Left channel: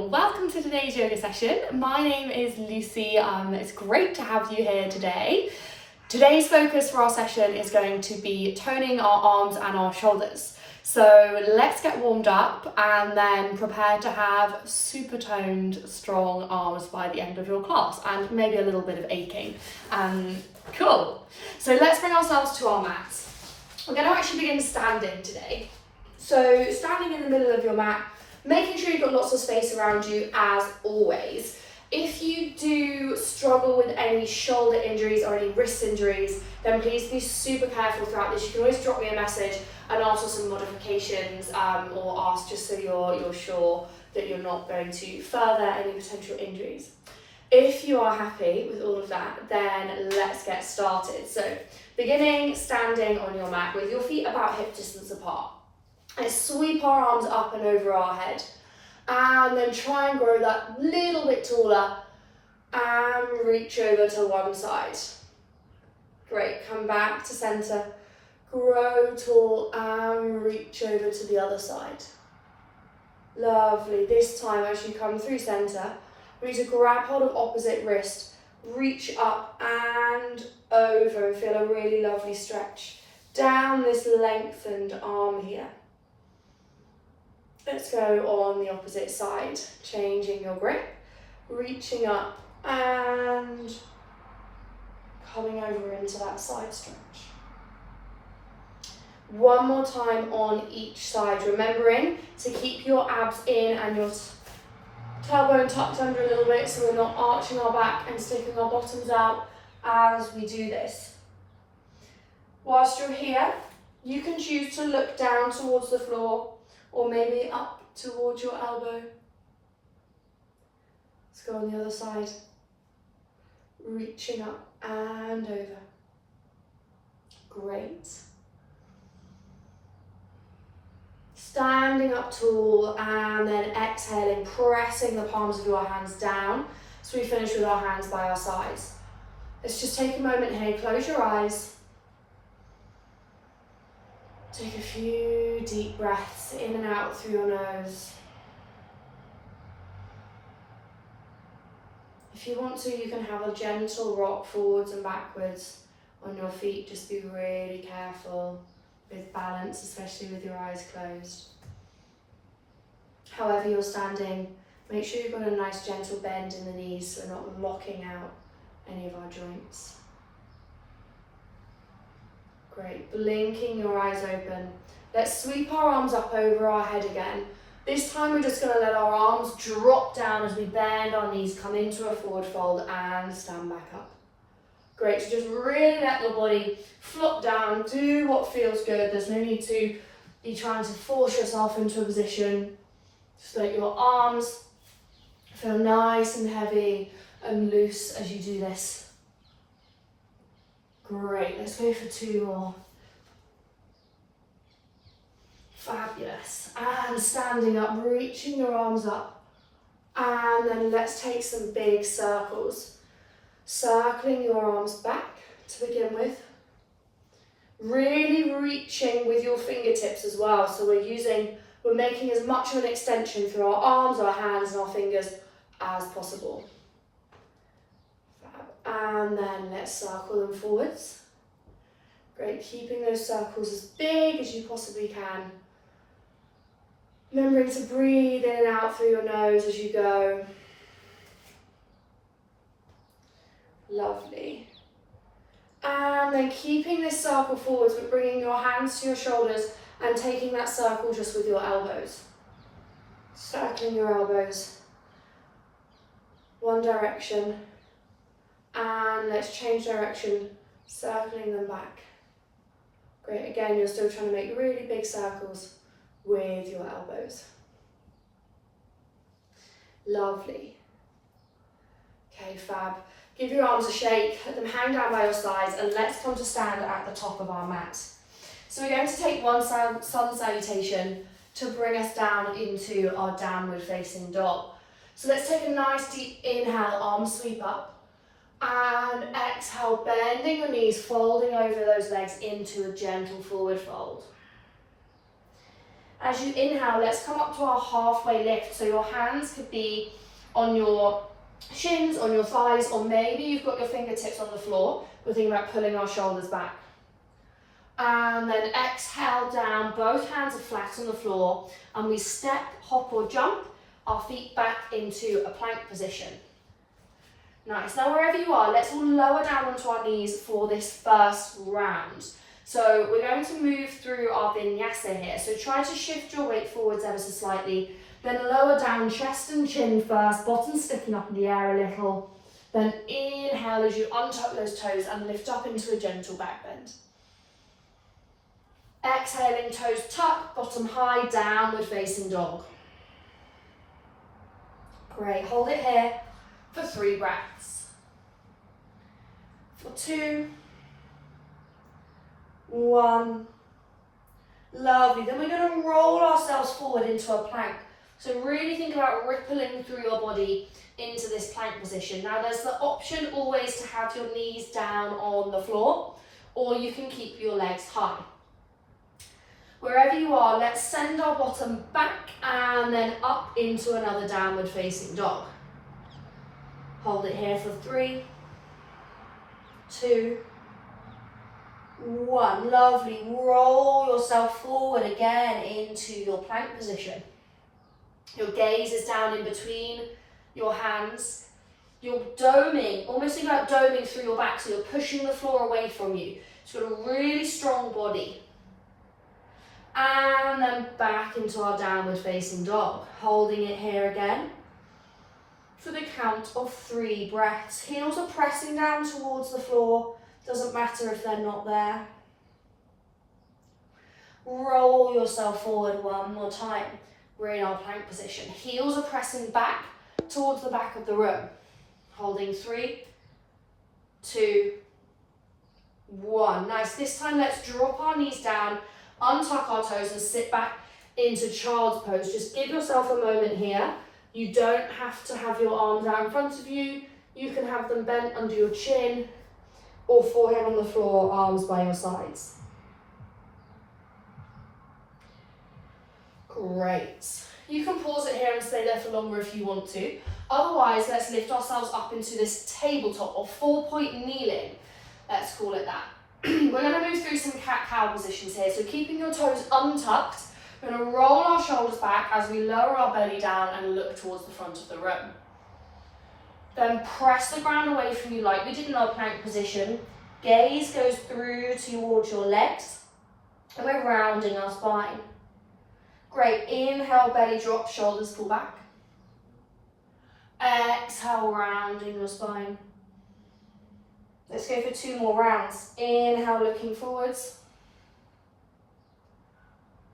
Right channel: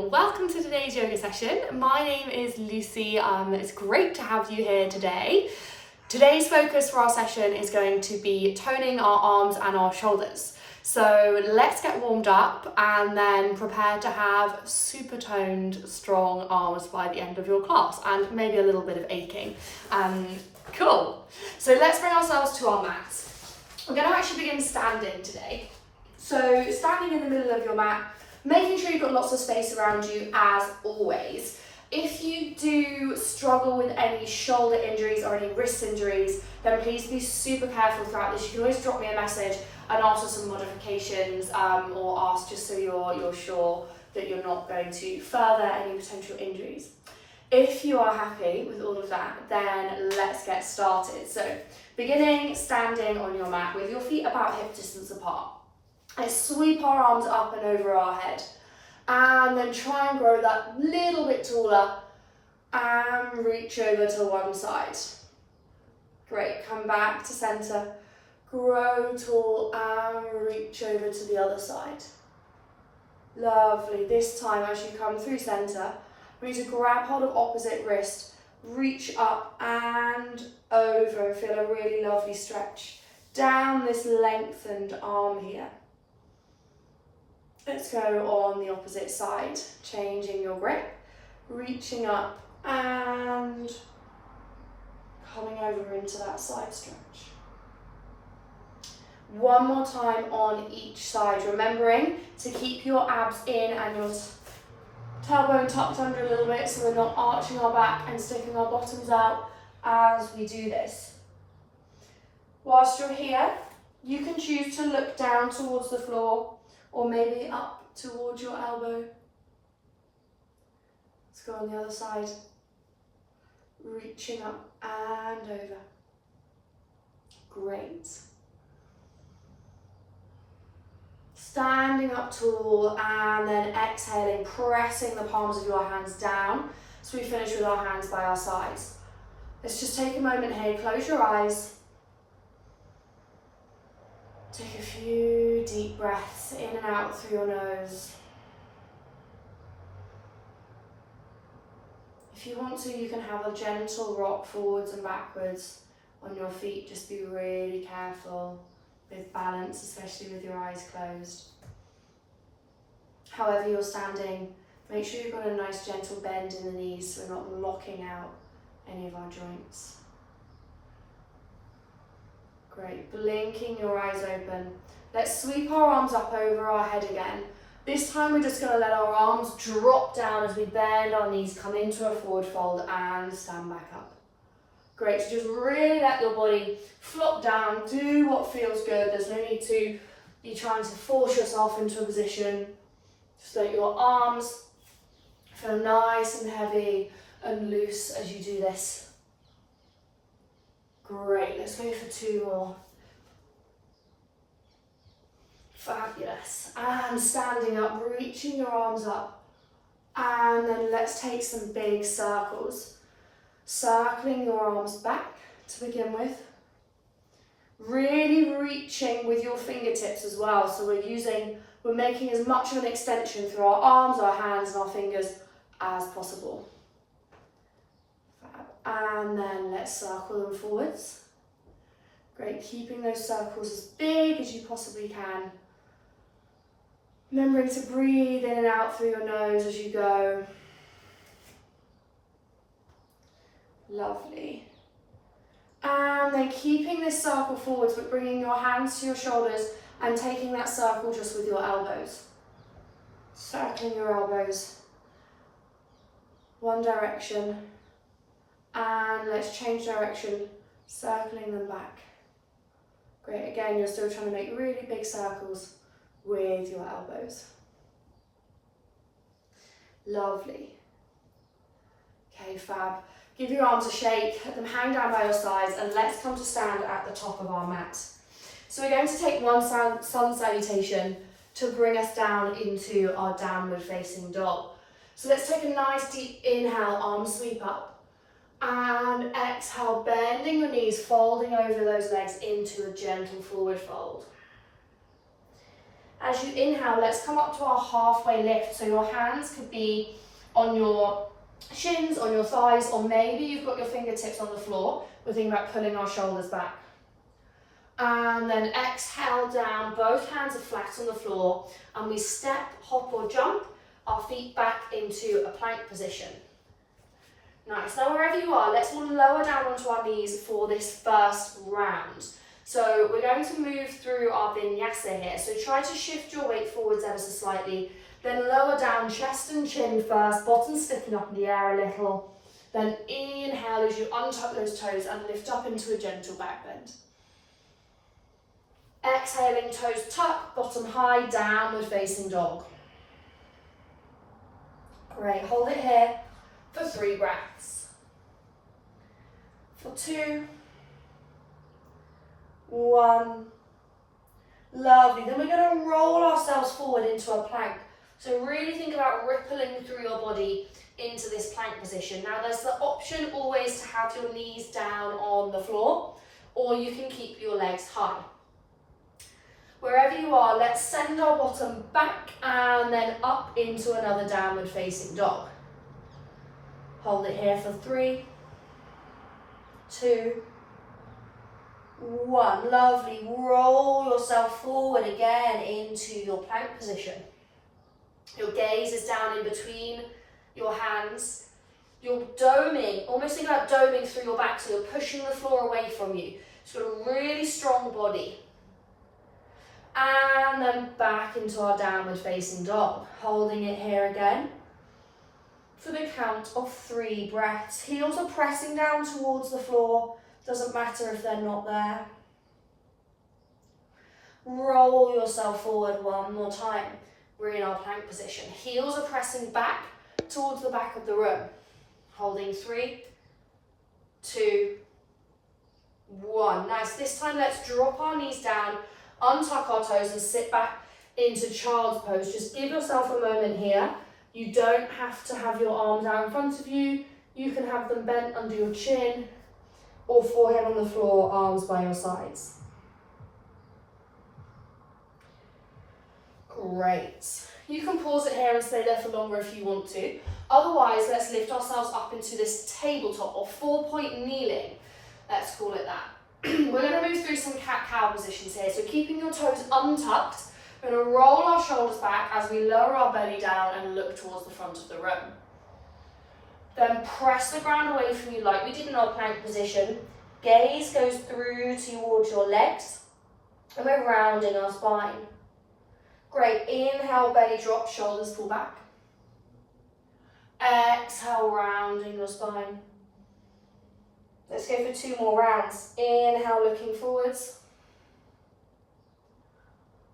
Hello, welcome to today's yoga session. My name is Lucy. It's great to have you here today. Today's focus for our session is going to be toning our arms and our shoulders. So let's get warmed up and then prepare to have super toned, strong arms by the end of your class and maybe a little bit of aching. Cool. So let's bring ourselves to our mats. We're going to actually begin standing today. So standing in the middle of your mat, making sure you've got lots of space around you as always. If you do struggle with any shoulder injuries or any wrist injuries, then please be super careful throughout this. You can always drop me a message and ask for some modifications or ask just so you're sure that you're not going to further any potential injuries. If you are happy with all of that, then let's get started. So beginning standing on your mat with your feet about hip distance apart. Let's sweep our arms up and over our head and then try and grow that little bit taller and reach over to one side. Great, come back to center, grow tall and reach over to the other side. Lovely, this time as you come through center, we need to grab hold of opposite wrist, reach up and over, feel a really lovely stretch down this lengthened arm here. Let's go on the opposite side, changing your grip, reaching up and coming over into that side stretch. One more time on each side, remembering to keep your abs in and your tailbone tucked under a little bit so we're not arching our back and sticking our bottoms out as we do this. Whilst you're here, you can choose to look down towards the floor or maybe up towards your elbow. Let's go on the other side. Reaching up and over. Great. Standing up tall and then exhaling, pressing the palms of your hands down. So we finish with our hands by our sides. Let's just take a moment here, close your eyes. Take a few deep breaths in and out through your nose. If you want to, you can have a gentle rock forwards and backwards on your feet. Just be really careful with balance, especially with your eyes closed. However you're standing, make sure you've got a nice gentle bend in the knees so we're not locking out any of our joints. Great, blinking your eyes open. Let's sweep our arms up over our head again. This time we're just going to let our arms drop down as we bend our knees, come into a forward fold and stand back up. Great, so just really let your body flop down, do what feels good. There's no need to be trying to force yourself into a position. Just let your arms feel nice and heavy and loose as you do this. Great, let's go for two more. Fabulous. And standing up, reaching your arms up. And then let's take some big circles. Circling your arms back to begin with. Really reaching with your fingertips as well. So we're making as much of an extension through our arms, our hands and our fingers as possible. And then let's circle them forwards. Great, keeping those circles as big as you possibly can. Remembering to breathe in and out through your nose as you go. Lovely. And then keeping this circle forwards, but bringing your hands to your shoulders and taking that circle just with your elbows. Circling your elbows. One direction. And let's change direction, circling them back. Great, again, you're still trying to make really big circles with your elbows. Lovely. Okay, fab. Give your arms a shake, let them hang down by your sides, and let's come to stand at the top of our mat. So we're going to take one sun salutation to bring us down into our downward facing dog. So let's take a nice deep inhale, arms sweep up. And exhale, bending the knees, folding over those legs into a gentle forward fold. As you inhale, let's come up to our halfway lift. So your hands could be on your shins, on your thighs, or maybe you've got your fingertips on the floor. We're thinking about pulling our shoulders back. And then exhale down, both hands are flat on the floor, and we step, hop or jump our feet back into a plank position. Nice. Now wherever you are, let's all lower down onto our knees for this first round. So we're going to move through our vinyasa here. So try to shift your weight forwards ever so slightly, then lower down, chest and chin first, bottom sticking up in the air a little. Then inhale as you untuck those toes and lift up into a gentle back bend. Exhaling, toes tuck, bottom high, downward facing dog. Great, hold it here for 3 breaths. For 2, 1. Lovely. Then we're going to roll ourselves forward into a plank. So really think about rippling through your body into this plank position. Now there's the option always to have your knees down on the floor, or you can keep your legs high. Wherever you are, let's send our bottom back and then up into another downward facing dog. Hold it here for 3, 2, 1. Lovely. Roll yourself forward again into your plank position. Your gaze is down in between your hands. You're doming, almost think about doming through your back, so you're pushing the floor away from you. So you've got a really strong body. And then back into our downward facing dog. Holding it here again for the count of 3 breaths. Heels are pressing down towards the floor. Doesn't matter if they're not there. Roll yourself forward one more time. We're in our plank position. Heels are pressing back towards the back of the room. Holding 3, 2, 1. Nice. This time let's drop our knees down, untuck our toes and sit back into child's pose. Just give yourself a moment here. You don't have to have your arms out in front of you. You can have them bent under your chin or forehead on the floor, arms by your sides. Great. You can pause it here and stay there for longer if you want to. Otherwise, let's lift ourselves up into this tabletop or 4-point kneeling. Let's call it that. We're going to move through some cat-cow positions here. So keeping your toes untucked, we're going to roll our shoulders back as we lower our belly down and look towards the front of the room. Then press the ground away from you like we did in our plank position. Gaze goes through towards your legs, and we're rounding our spine. Great. Inhale, belly drop, shoulders pull back. Exhale, rounding your spine. Let's go for 2 more rounds. Inhale, looking forwards.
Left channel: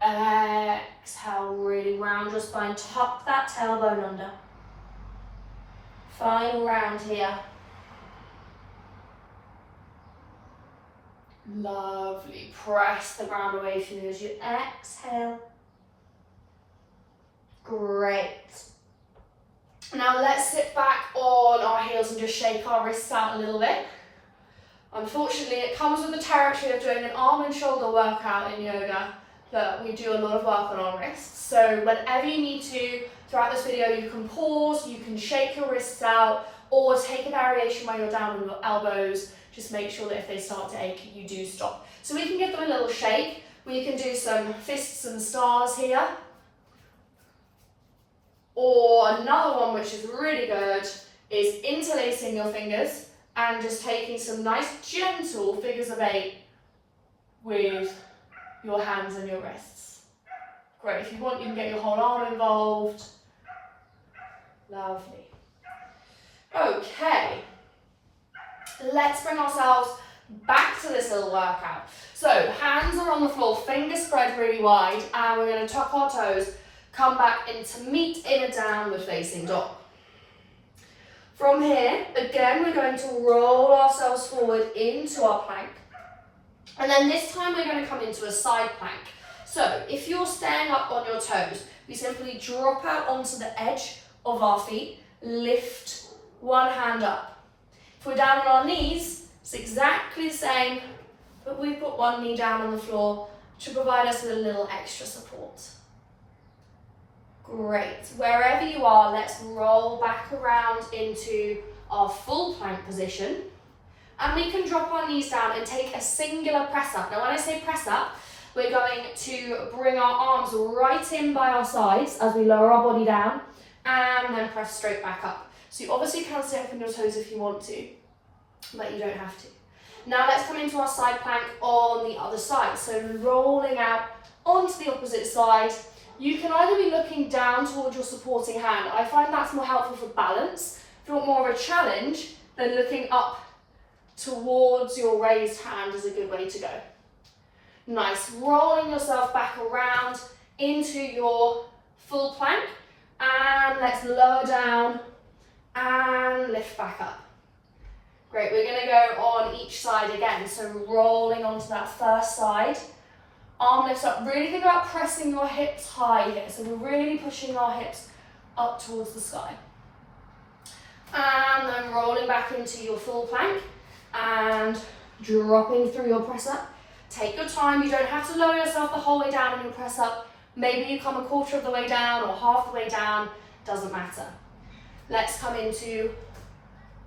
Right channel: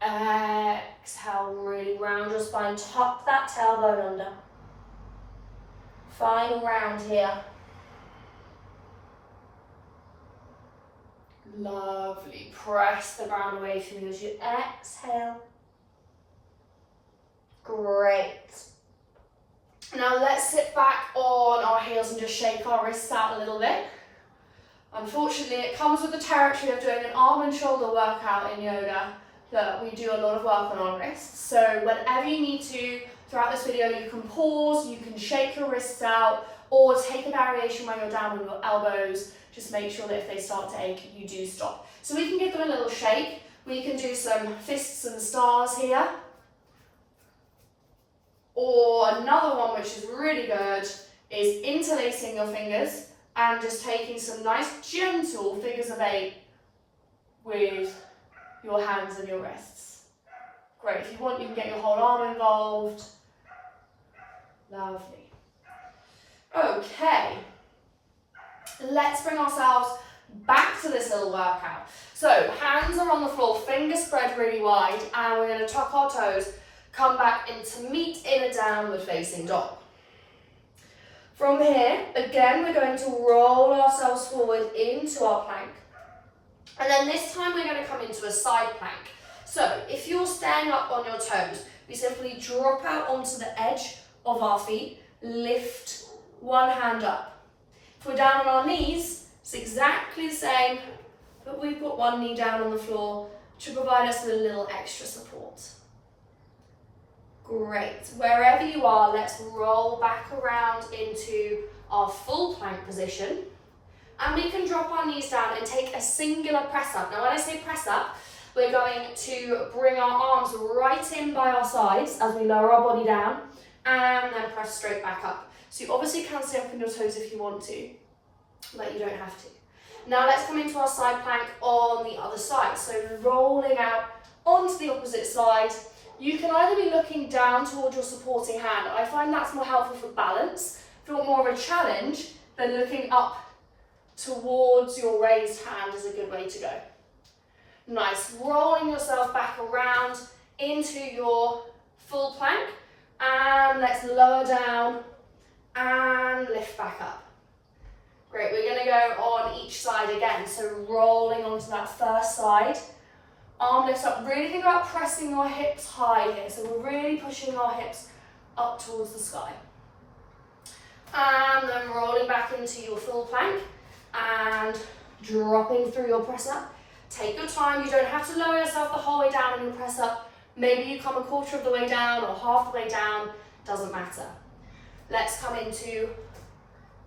Exhale, really round your spine. Tuck that tailbone under. Final round here. Lovely. Press the ground away from you as you exhale. Great. Now let's sit back on our heels and just shake our wrists out a little bit. Unfortunately, it comes with the territory of doing an arm and shoulder workout in yoga that we do a lot of work on our wrists. So whenever you need to, throughout this video, you can pause, you can shake your wrists out, or take a variation where you're down on your elbows. Just make sure that if they start to ache, you do stop. So we can give them a little shake. We can do some fists and stars here. Or another one which is really good is interlacing your fingers and just taking some nice gentle figures of 8 with your hands and your wrists. Great, if you want, you can get your whole arm involved. Lovely. Okay, let's bring ourselves back to this little workout. So hands are on the floor, fingers spread really wide, and we're going to tuck our toes, come back into meet in a downward facing dog. From here, again, we're going to roll ourselves forward into our plank. And then this time we're going to come into a side plank. So if you're staying up on your toes, we simply drop out onto the edge of our feet, lift one hand up. If we're down on our knees, it's exactly the same, but we put one knee down on the floor to provide us with a little extra support. Great. Wherever you are, let's roll back around into our full plank position. And we can drop our knees down and take a singular press up. Now when I say press up, we're going to bring our arms right in by our sides as we lower our body down and then press straight back up. So you obviously can stay up on your toes if you want to, but you don't have to. Now let's come into our side plank on the other side. So rolling out onto the opposite side. You can either be looking down towards your supporting hand. I find that's more helpful for balance. If you want more of a challenge, then looking up towards your raised hand is a good way to go. Nice, rolling yourself back around into your full plank, and let's lower down and lift back up. Great, we're going to go on each side again, so rolling onto that first side, arm lifts up. Really think about pressing your hips high here, so we're really pushing our hips up towards the sky. And then rolling back into your full plank and dropping through your press up. Take your time, you don't have to lower yourself the whole way down in your press up. Maybe you come a quarter of the way down or half the way down, doesn't matter. Let's come into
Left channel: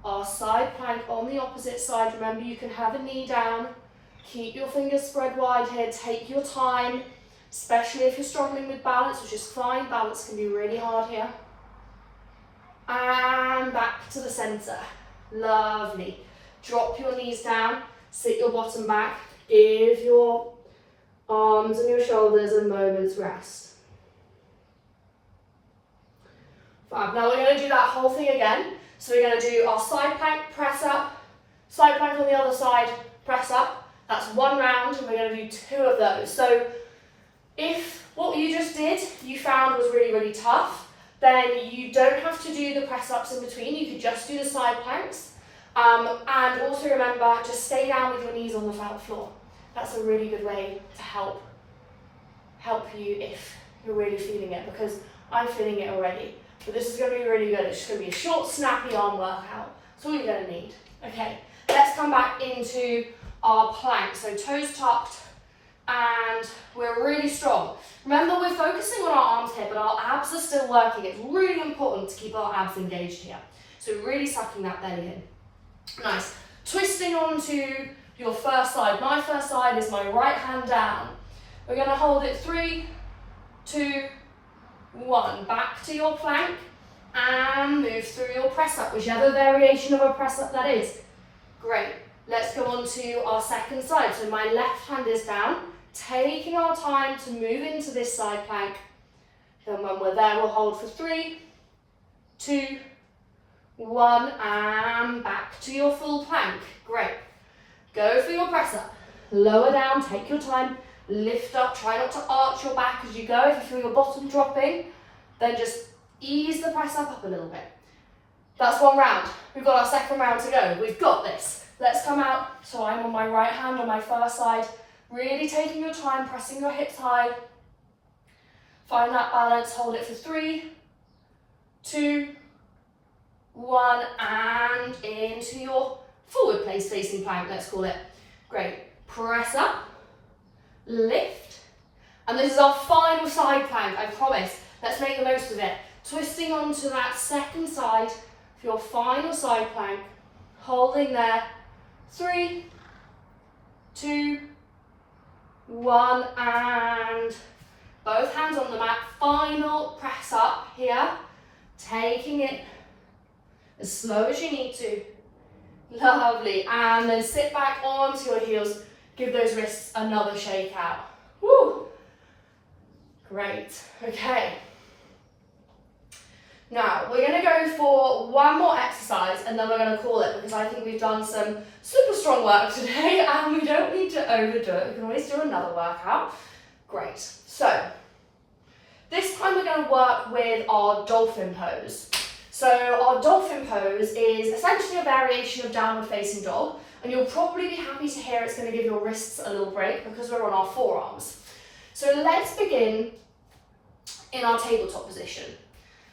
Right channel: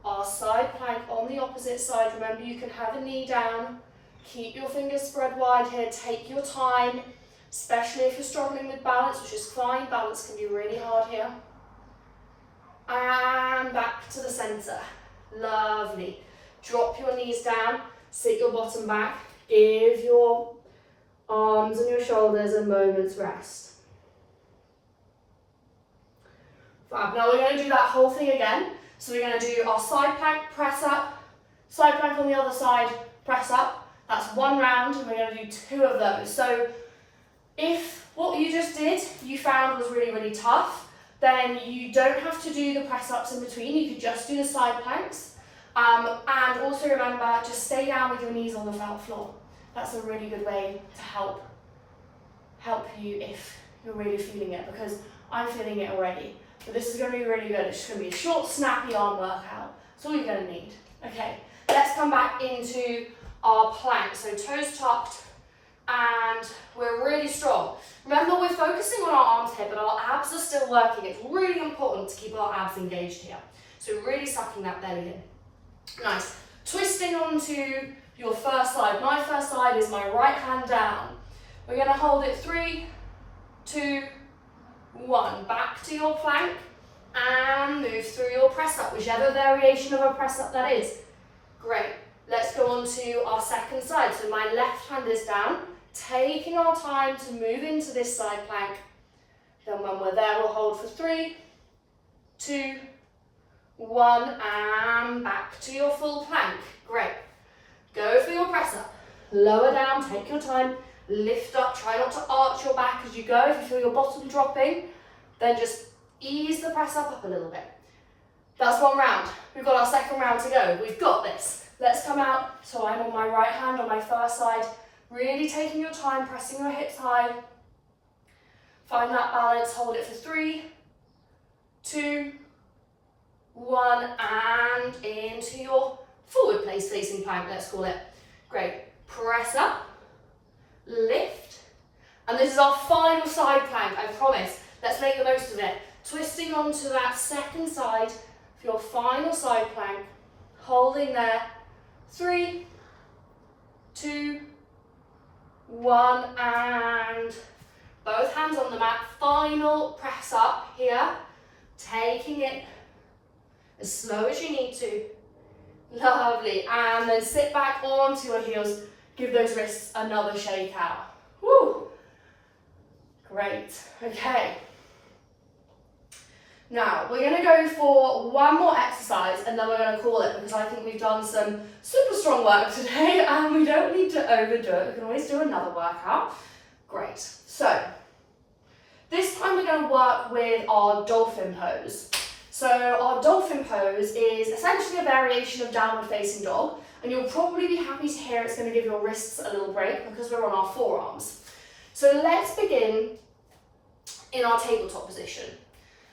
our side plank on the opposite side. Remember, you can have a knee down. Keep your fingers spread wide here, take your time, especially if you're struggling with balance, which is fine. Balance can be really hard here. And back to the center. Lovely. Drop your knees down, sit your bottom back, give your arms and your shoulders a moment's rest. Fab. Now we're going to do that whole thing again. So we're going to do our side plank, press up, side plank on the other side, press up. That's one round, and we're going to do 2 of those. So if what you just did you found was really, really tough, then you don't have to do the press ups in between. You could just do the side planks. And also remember, just stay down with your knees on the felt floor. That's a really good way to help you if you're really feeling it, because I'm feeling it already. But this is going to be really good. It's just going to be a short, snappy arm workout. That's all you're going to need. Okay, let's come back into our plank. So toes tucked, and we're really strong. Remember, we're focusing on our arms here, but our abs are still working. It's really important to keep our abs engaged here. So really sucking that belly in. Nice. Twisting onto your first side. My first side is my right hand down. We're going to hold it 3, 2, 1. Back to your plank and move through your press up, whichever variation of a press up that is. Great. Let's go on to our second side. So my left hand is down, taking our time to move into this side plank. Then when we're there, we'll hold for 3, 2, 1, and back to your full plank. Great. Go for your press up. Lower down, take your time, lift up, try not to arch your back as you go. If you feel your bottom dropping, then just ease the press up a little bit. That's one round. We've got our second round to go. We've got this. Let's come out. So I'm on my right hand on my first side, really taking your time, pressing your hips high. Find that balance, hold it for 3, 2, 1, and into your forward place facing plank, let's call it. Great. Press up, lift, and this is our final side plank, I promise. Let's make the most of it. Twisting onto that second side for your final side plank, holding there. 3, 2, 1, and both hands on the mat. Final press up here, taking it as slow as you need to. Lovely. And then sit back onto your heels. Give those wrists another shake out. Woo! Great. Okay. Now, we're going to go for one more exercise and then we're going to call it, because I think we've done some super strong work today and we don't need to overdo it. We can always do another workout. Great. So, this time we're going to work with our dolphin pose. So our dolphin pose is essentially a variation of downward facing dog, and you'll probably be happy to hear it's going to give your wrists a little break because we're on our forearms. So let's begin in our tabletop position.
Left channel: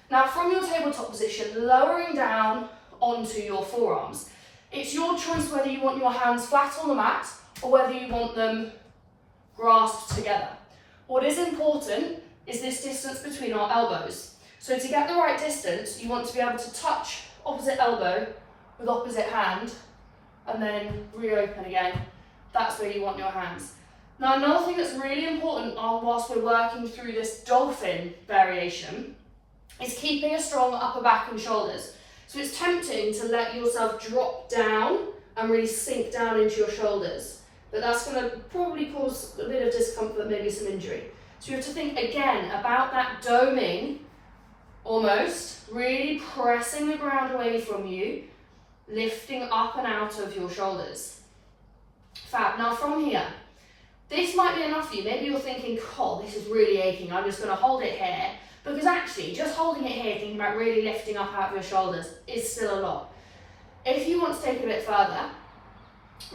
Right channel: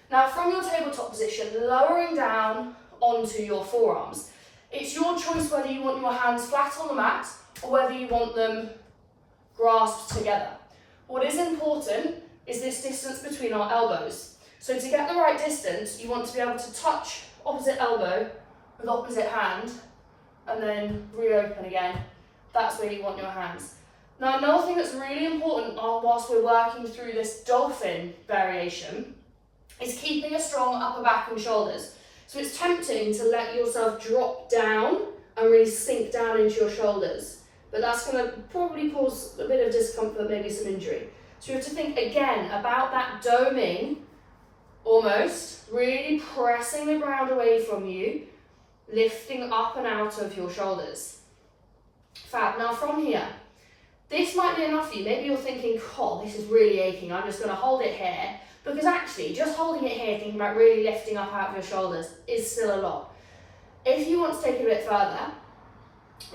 Now from your tabletop position, lowering down onto your forearms. It's your choice whether you want your hands flat on the mat or whether you want them grasped together. What is important is this distance between our elbows. So to get the right distance, you want to be able to touch opposite elbow with opposite hand and then reopen again. That's where you want your hands. Now another thing that's really important whilst we're working through this dolphin variation is keeping a strong upper back and shoulders. So it's tempting to let yourself drop down and really sink down into your shoulders, but that's going to probably cause a bit of discomfort, maybe some injury. So you have to think again about that doming, almost, really pressing the ground away from you, lifting up and out of your shoulders. Fab. Now from here, this might be enough for you. Maybe you're thinking, oh, this is really aching, I'm just going to hold it here. Because actually, just holding it here, thinking about really lifting up out of your shoulders is still a lot. If you want to take it a bit further,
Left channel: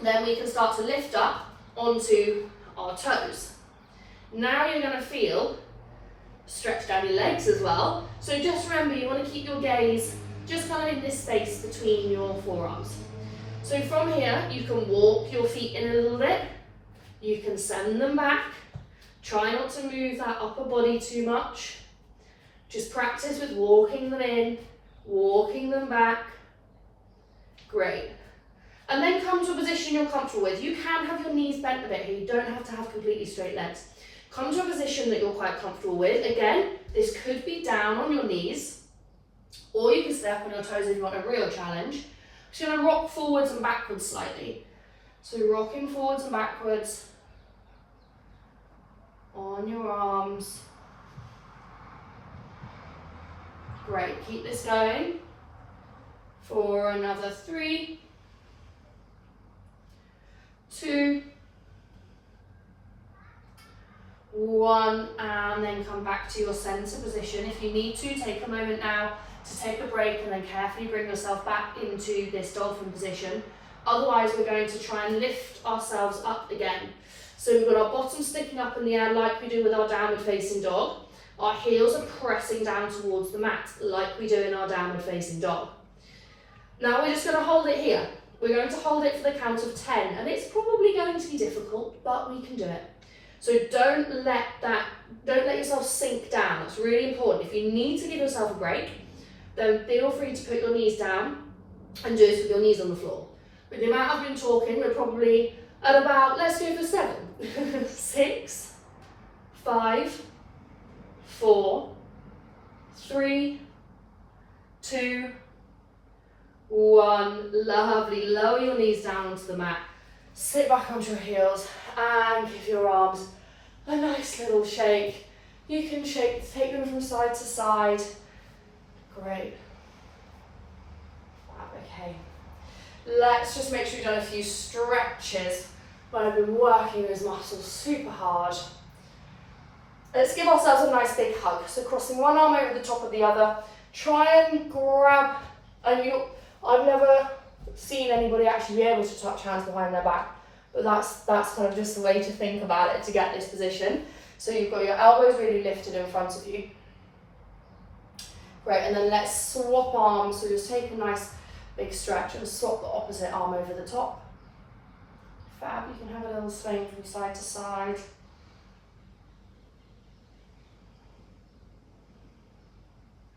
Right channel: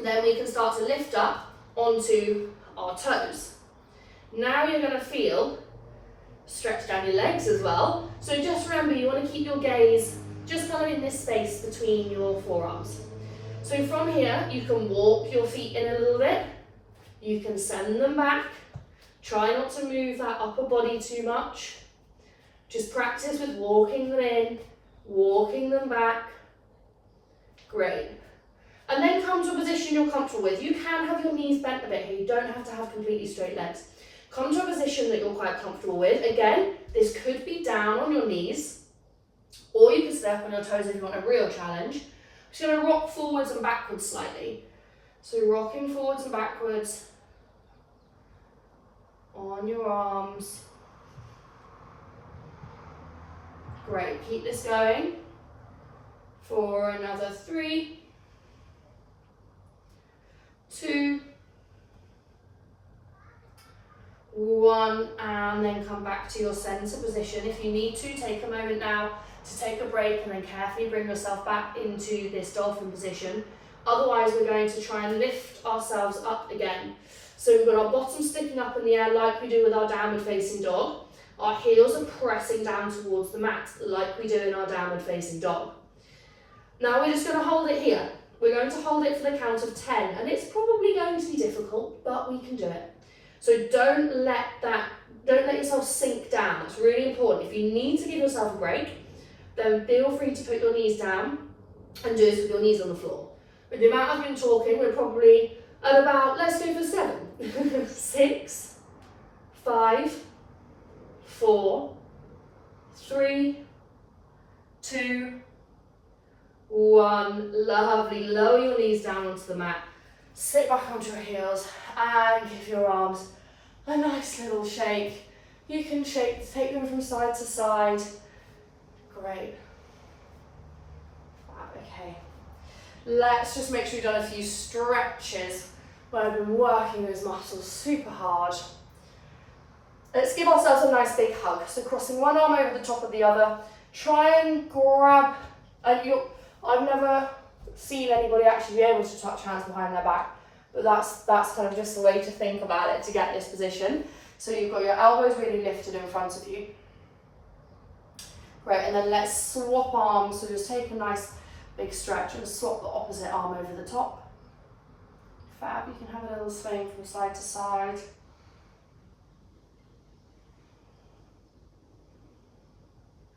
then we can start to lift up onto our toes. Now you're going to feel stretch down your legs as well. So just remember, you want to keep your gaze just kind of in this space between your forearms. So from here, you can walk your feet in a little bit. You can send them back. Try not to move that upper body too much. Just practice with walking them in, walking them back. Great. And then come to a position you're comfortable with. You can have your knees bent a bit here. You don't have to have completely straight legs. Come to a position that you're quite comfortable with. Again, this could be down on your knees, or you can stay up on your toes if you want a real challenge. I'm just going to rock forwards and backwards slightly. So rocking forwards and backwards on your arms. Great, keep this going for another 3, 2, 1, and then come back to your center position. If you need to, take a moment now to take a break and then carefully bring yourself back into this dolphin position. Otherwise, we're going to try and lift ourselves up again. So we've got our bottom sticking up in the air like we do with our downward facing dog. Our heels are pressing down towards the mat like we do in our downward facing dog. Now we're just going to hold it here. We're going to hold it for the count of 10, and it's probably going to be difficult, but we can do it. So don't let yourself sink down. That's really important. If you need to give yourself a break, then feel free to put your knees down and do this with your knees on the floor. With the amount I've been talking, we're probably at about, let's go for 7, 6, 5, 4, 3, 2, 1. Lovely. Lower your knees down onto the mat. Sit back onto your heels and give your arms a nice little shake. You can take them from side to side. Great. Okay. Let's just make sure you've done a few stretches where I've been working those muscles super hard. Let's give ourselves a nice big hug. So crossing one arm over the top of the other. Try and grab, and I've never seen anybody actually be able to touch hands behind their back, but that's kind of just the way to think about it to get this position. So you've got your elbows really lifted in front of you. Great, and then let's swap arms. So just take a nice big stretch and swap the opposite arm over the top. Fab, you can have a little swing from side to side.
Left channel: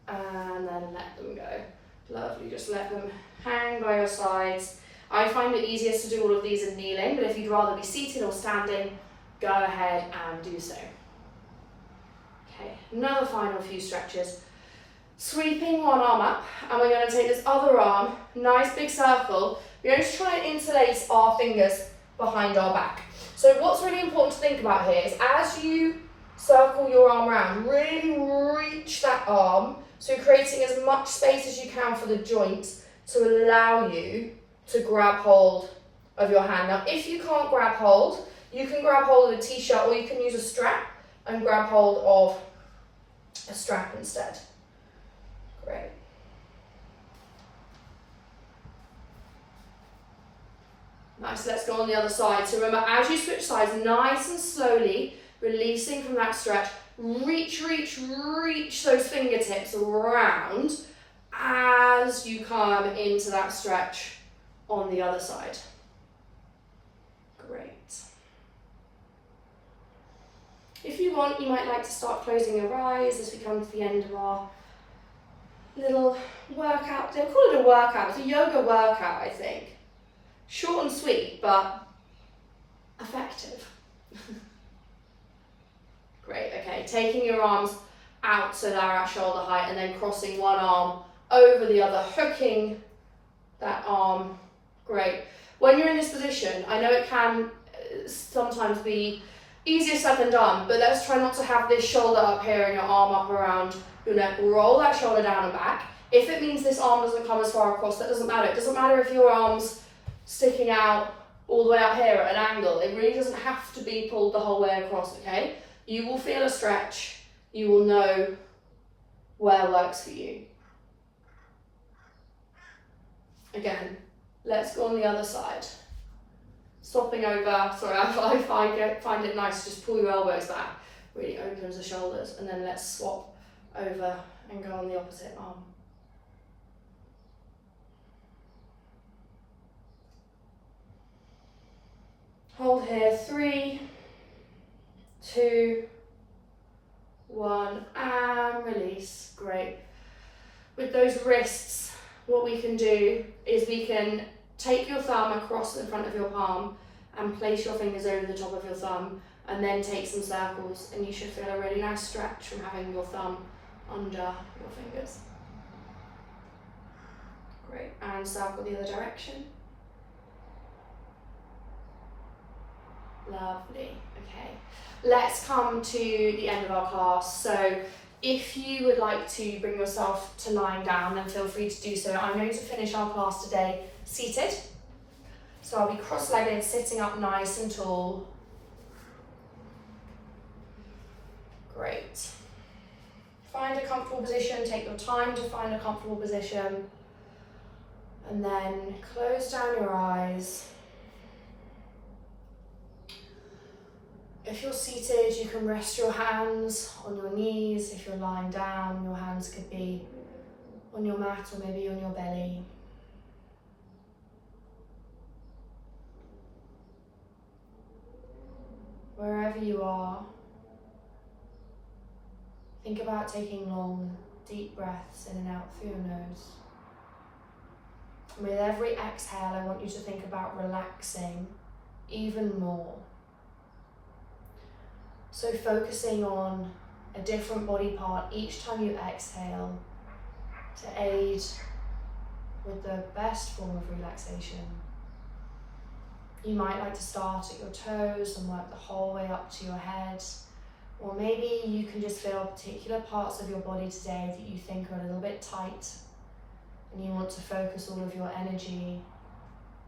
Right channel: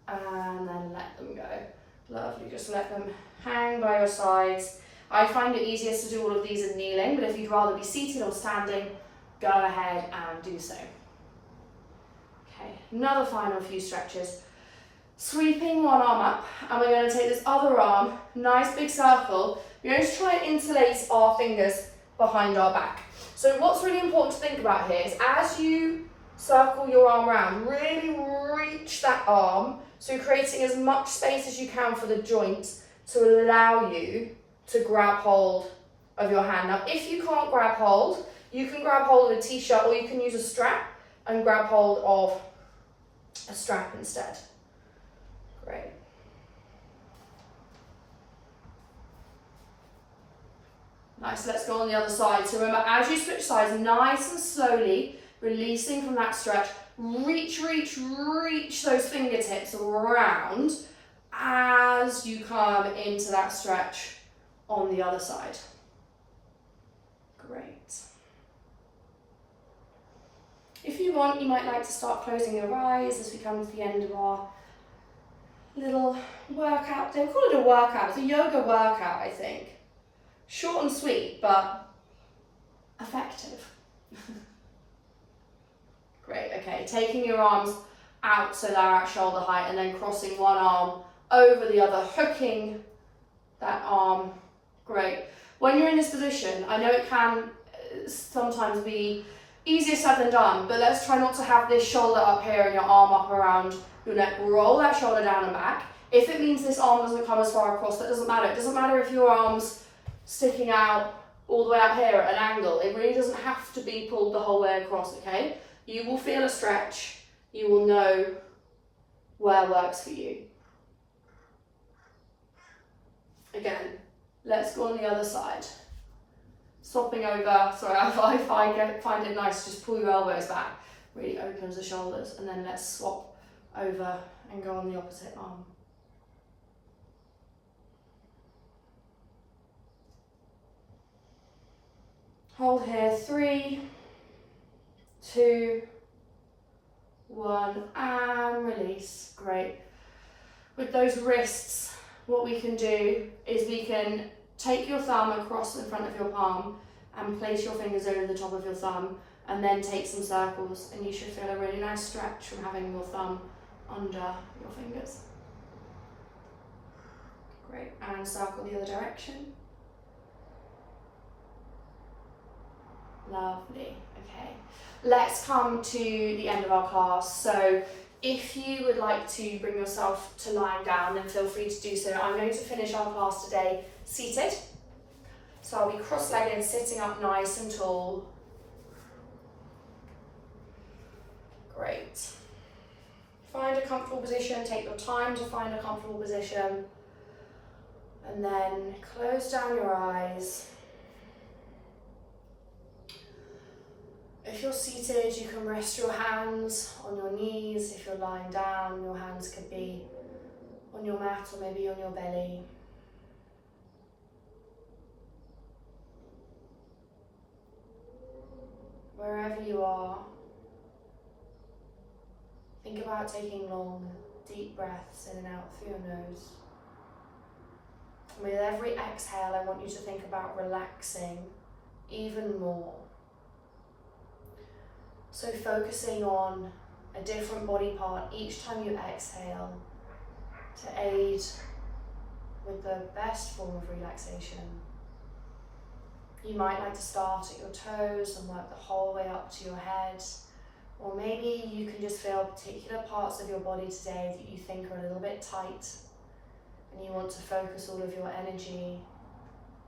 And then let them go. Lovely, just let them hang by your sides. I find it easiest to do all of these in kneeling, but if you'd rather be seated or standing, go ahead and do so. Okay, another final few stretches. Sweeping one arm up, and we're going to take this other arm, nice big circle. We're going to try and interlace our fingers behind our back. So what's really important to think about here is as you circle your arm around, really reach that arm, so creating as much space as you can for the joint to allow you to grab hold of your hand. Now, if you can't grab hold, you can grab hold of a t-shirt, or you can use a strap and grab hold of a strap instead. Great. Nice, let's go on the other side. So remember, as you switch sides, nice and slowly, releasing from that stretch, reach those fingertips around as you come into that stretch on the other side. Great. If you want, you might like to start closing your eyes as we come to the end of our little workout. They'll call it a workout. It's a yoga workout, I think. Short and sweet, but effective. Great, okay. Taking your arms out so they're at shoulder height and then crossing one arm over the other, hooking that arm. Great. When you're in this position, I know it can sometimes be easier said than done, but let's try not to have this shoulder up here and your arm up around your neck. Roll that shoulder down and back. If it means this arm doesn't come as far across, that doesn't matter. It doesn't matter if your arm's sticking out all the way up here at an angle. It really doesn't have to be pulled the whole way across, okay? You will feel a stretch. You will know where works for you. Again, let's go on the other side. Swapping over, sorry, if I find it nice, just pull your elbows back. Really opens the shoulders, and then let's swap over and go on the opposite arm. Hold here, 3, 2, 1, and release. Great. With those wrists, what we can do is we can take your thumb across the front of your palm and place your fingers over the top of your thumb, and then take some circles, and you should feel a really nice stretch from having your thumb under your fingers. Great, and circle the other direction. Lovely, okay. Let's come to the end of our class. So if you would like to bring yourself to lying down, then feel free to do so. I'm going to finish our class today seated. So I'll be cross-legged, sitting up nice and tall. Great. Find a comfortable position, take your time to find a comfortable position. And then close down your eyes. If you're seated, you can rest your hands on your knees. If you're lying down, your hands could be on your mat or maybe on your belly. Wherever you are, think about taking long, deep breaths in and out through your nose. And with every exhale, I want you to think about relaxing even more. So focusing on a different body part each time you exhale to aid with the best form of relaxation. You might like to start at your toes and work the whole way up to your head, or maybe you can just feel particular parts of your body today that you think are a little bit tight, and you want to focus all of your energy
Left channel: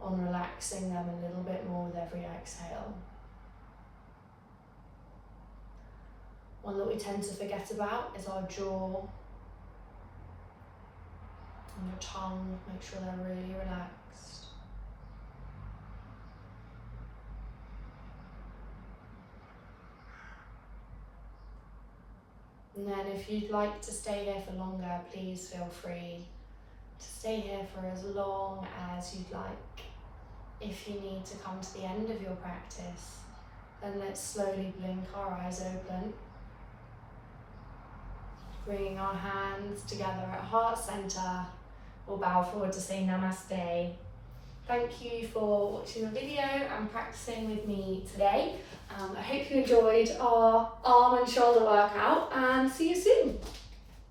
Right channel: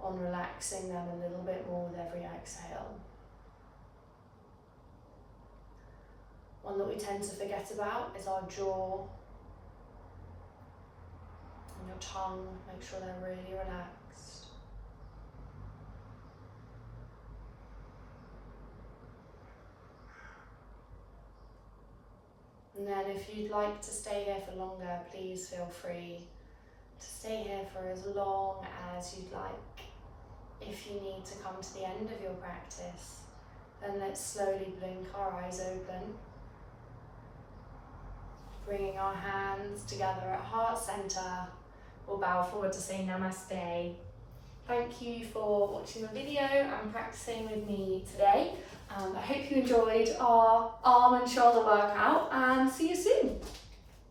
on relaxing them a little bit more with every exhale. One that we tend to forget about is our jaw and your tongue. Make sure they're really relaxed. And then if you'd like to stay here for longer, please feel free to stay here for as long as you'd like. If you need to come to the end of your practice, then let's slowly blink our eyes open. Bringing our hands together at heart center, we'll bow forward to say namaste. Thank you for watching the video and practicing with me today. I hope you enjoyed our arm and shoulder workout, and see you soon.